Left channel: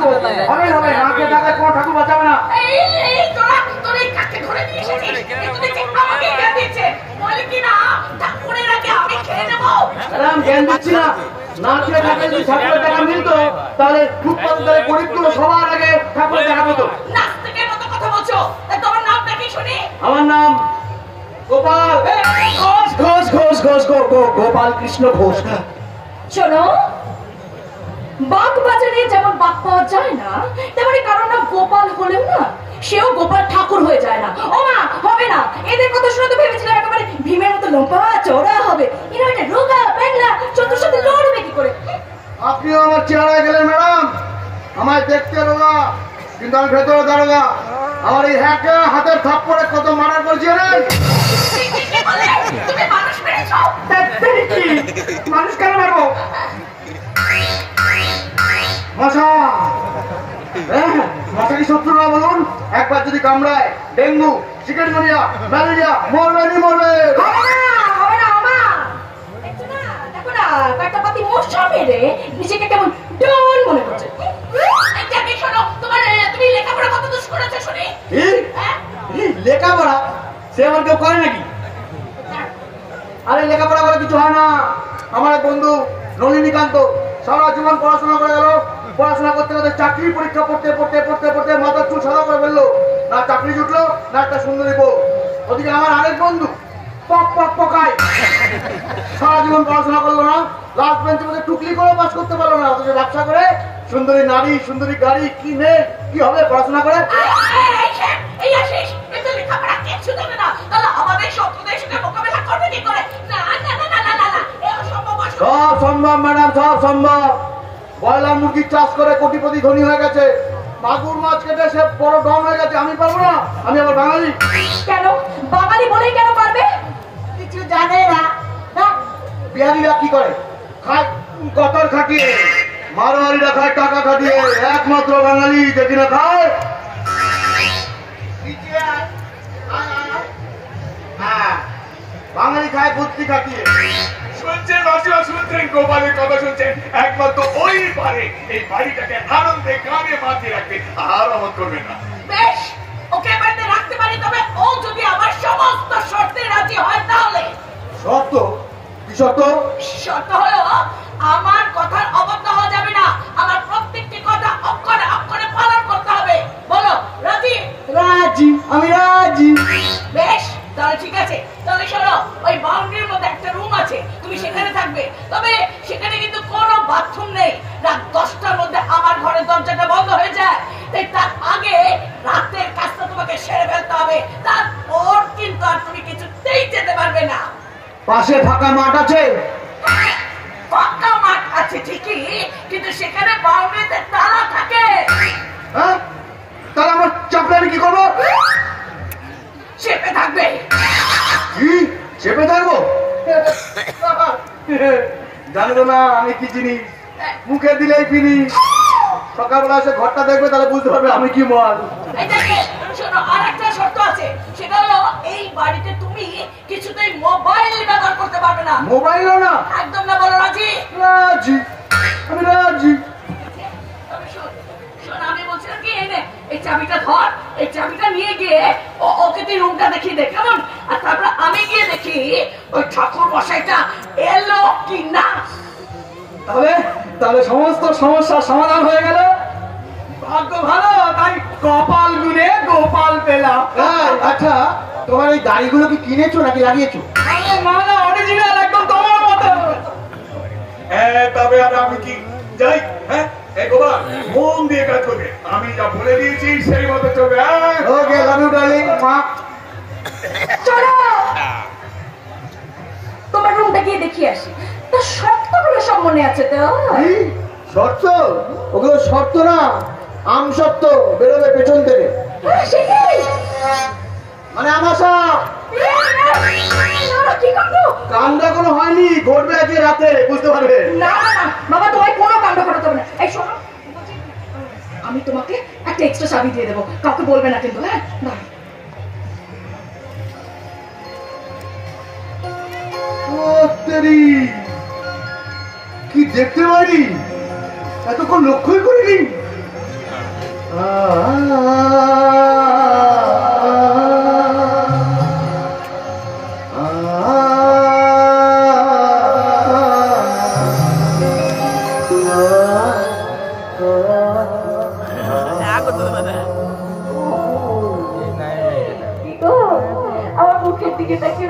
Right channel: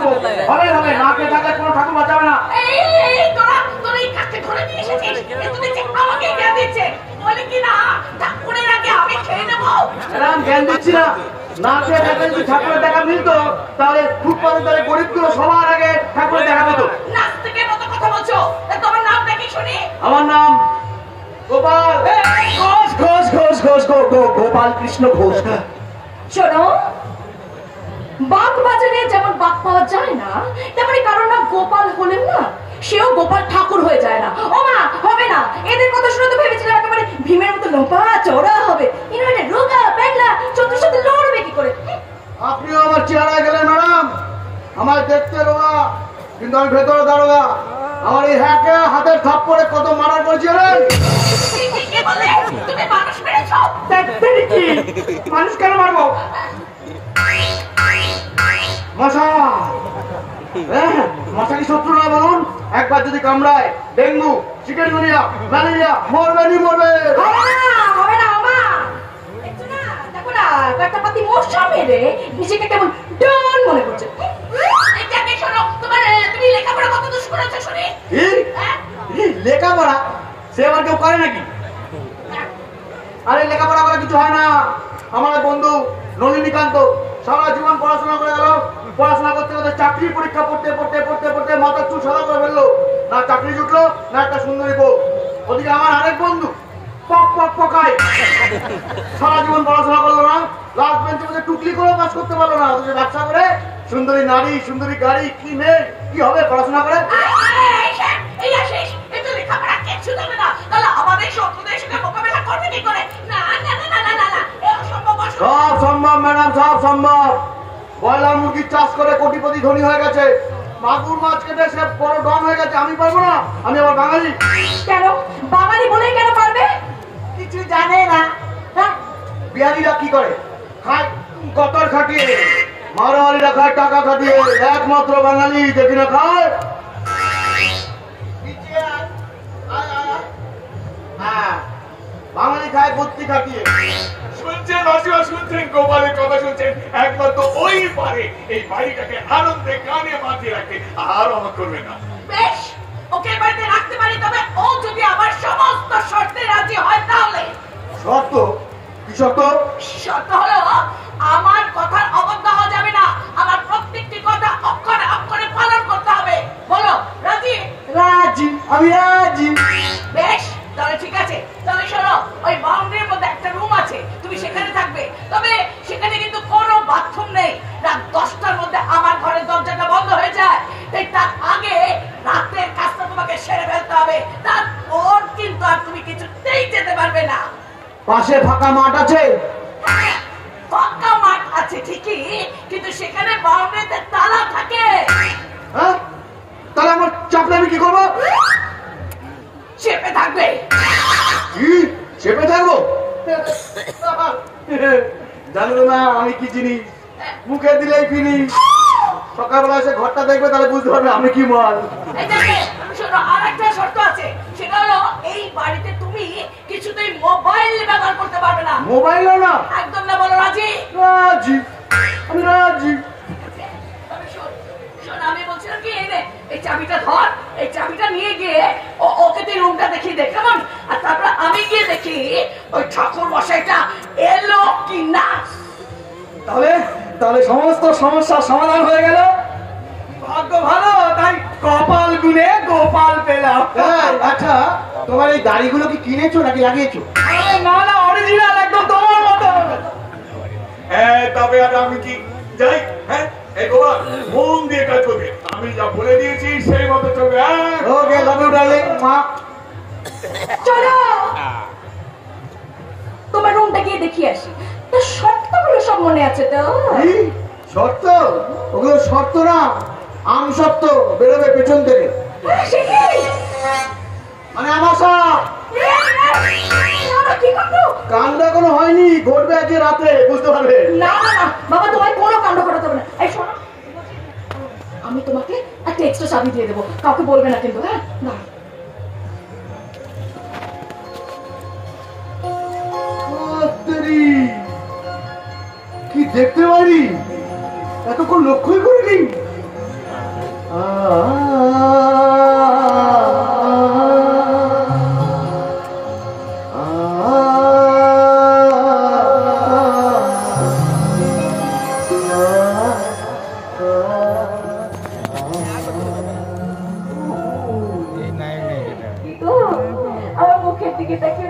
হবে হবে নাকে টাকে কোনো ঠাকুর বাঁচাবে না। এই তোরা এই কাকে ধরে নিয়ে এসেছিস? এত দেখে আমাকে জ্ঞান দিচ্ছে। বলি কি না ঠাকুরের আগে আমি খেয়ে নেবো। ম্যাডাম জ্ঞান দিচ্ছি না। নাকে টাকে যদি ঠাকুরের দেখা মিলতো তাহলে ফুটপাতের তলে গরিবগুলো সবার আগে ঠাকুরের দেখা পেত। নাস্তিকের মতো কথা বলছো। তোমার নামটা কি শুনি? আমার নাম গোপাল ঘোষ ঘোষ ঘোষ ঘোষ গোপাল কৃষ্ণ ঘোষ। শোনো, বাঘ বাজারে যেমন বাঘ পাওয়া যায় না, তেমনি কারোর নাম গোপাল হলেও না সেও গোপাল ঠাকুর হয়ে যায় না। ও মা, হবে না। এদের কথা শুনে তো ভেবেছিলাম একেবারে ভীমের মতো লম্বা চওড়া হবে। এরা এটা রোগা প্যাগলা চতুর সাথে লড়বে কি করে? আপনিও আমার চেহারায় গেলেন ম্যাডাম। আমায় দেখতে রোগা কিন্তু আমি ভেতরে দারোগা। আমার এই হ্যাকে হাতের থাপ্পড়ে কত মারার করছিলেন। তুমি মানুষ মেরেছো? মানুষ কেন মারবো? মশা মশা কি শত্রু না বলুন? একবার যদি কামড়ায় ডেঙ্গু চিকেনগুনিয়া ম্যালেরিয়া মরবেনই মরবে। হবে না আমা। দেখছো না, দেখো না একটা পাতি মশা মেরে নিজেকে কেমন ডন মনে করছে। এটা কি শোনো, তুমি লেখাপড়া কত দোষ করেছো শুনি? লেখাপড়া সে আমার কেউ করে নাকি? আরে লেখাপড়া করে কিছু হয় না। আমার বন্ধু নলিনীকান্ত সারা জীবন পড়াশোনা করে গেল। পড়াশোনা করতে করতে চাকরির পরীক্ষা পড়তে পড়তে পড়তে পড়তে মাথার চুল সাদা করে ফেললো। না চাকরি জুটলো না একটা সুন্দরী বউ। ওদিকে আমার আরেক বন্ধু পক পক পকায় সারা জীবন পড়াশোনা করলো না, লাস্ট বেঞ্চের মধ্যে টুকলি করে পাস করতে পারলো না। অথচ ব্যবসা করে সুন্দরী নারী সুন্দরী গাড়ি কি নেই কি হবে পড়াশোনা করে? এই আসিস, কিন্তু লেখাপড়া কিছু জানে না, তাহলে আমাদের শত্রুদের সঙ্গে মোকাবেলা করবে কি করে? না না না না না না না, এ অসম্ভব। সব সম্ভব ম্যাডাম, সব সম্ভব। ব্রয়লার মুরগির চাষ করে কোটিপতি ধনী হয়ে গেছে, মাগুর মাছ কেটে সে বড় ডন হয়ে গেছে। আমি পারবো না? আমি আবার বাঙালি। কেন বাঙালি বলেই কেন পারবে? কিছু জানে না। বিহারিরা কি করে? খায় গতর খাটিয়ে, মারোয়ারিরা খায় টাকা খাটিয়ে, একমাত্র বাঙালি দেখি না খায় বাঙালি খায় বুদ্ধি খাটিয়ে। শুনছেন রসিয়া, শুনছেন গোপালের কথা শুনছেন? একমাত্র ওই পারে এই বাড়িটাকে আনন্দে কানে মাতিয়ে রাখবে, আর অমত করবে না। বেশ, ওকে বাড়িতে রাখতে পারি, তবে ও যদি আমার সমস্ত শর্তে রাজি হয় তাহলে। শর্ত? কি শর্ত? শর্ত হলো আমার কথার অবজ্ঞা হওয়া যাবে না। আমার প্রত্যেকটি কথা অক্ষরে অক্ষরে পালন করতে হবে। বলো রাজি? রাজি, আমি রাজি। বেশ, তাহলে ঠিক আছে। তাহলে শোনো, ওই বাউন্ডারির মধ্যে একটা রুম আছে, তুমি সেখানে থাকবে। তবে সেখানে কিন্তু কোনো বাথরুম নেই। রাত 10টার মধ্যে আমার ঘরের দরজাটা বন্ধ হয়ে যায়। তাই তার আগে রাতের কাজটা তোমাকে সেরে ফেলতে হবে। তারপর কিন্তু আর তুমি কিছুতেই যেতে পারবে না। পাশে ফাঁকা মাঠ আছে? ফাঁকা মাঠ আছে ঠিকই, কিন্তু সেখানে বাউন্ডারিতে তালা থাকে। হ্যাঁ, তাহলে আমার চাপলে আমি কি করবো? চেপে থাকবে। কি চেপে থাকবো? জানবো না আমি কি জিনিস, মুখে দিলেই ফিনিশ। সকালবেলা এসে ঘরটা দেখবে তাহলে বুঝতে পারবে আমি কি মাল। এই দেখে শোনো, আর একটা শর্ত আছে। সেটা হলো এই বাড়িতে তুমি কিছুতেই মোবাইল ব্যবহার করতে পারবে না। মোবাইলও না? একদম না। বলো রাজি? রাজি, আমি রাজি। শোন, আমি বলছিলাম কি, এই চাবিটা ধর, এই চাবিটা নিয়ে গিয়ে ওকে তুই রুমটা দেখিয়ে দে, কেমন? আর তারপর আমি গিয়ে দেখি ওই ঠাকুর মশাইটা এলো কি না। তাহলে তাহলে সমস্ত সমস্যার সমাধান হয়ে গেল। ভাগ্য ভালো, তাই কপাল গুনে গোপাল পেলাম। আচ্ছা, তোমার এই দাড়িগুলো কি কিনেছো নাকি লাগিয়েছো? না না, অরিজিনাল, একদম তোমার মতো। হ্যাঁ, তবে আর আমি কি যাই? হ্যাঁ, এই গোপাল মন দিয়ে কাজ করবে। আমি যা বলে দিয়েছি সেই মতো চলবে। ওকে, লাভ ইউ ডার্লিং। মা চলো তোমার রুমটা গিয়ে দেখিয়ে আসি। তো শর্তগুলো সব মনে আছে তো? শর্ত? ওগুলো শর্ত না, আম শর্ত বেরোবে পেছন থেকে। মানে আমাশা। কি করবো? কাণ্ড এখনো হয়নি, ঘটবে আজকে রাতে, বুঝতে পারবে। না না না বাবা, তোমায় কোনো কাণ্ড ঘটাতে হবে না। এই শোনো, আমি তোমাকে একটা এক্সট্রা চাবি দিয়ে দেবো, কাউকে বলবে না কিন্তু। হ্যাঁ, না কি দেখতে পারি, এতক্ষণ লক্ষ্যই করিনি। কি গো, আমার মুখের দিকে তাকিয়ে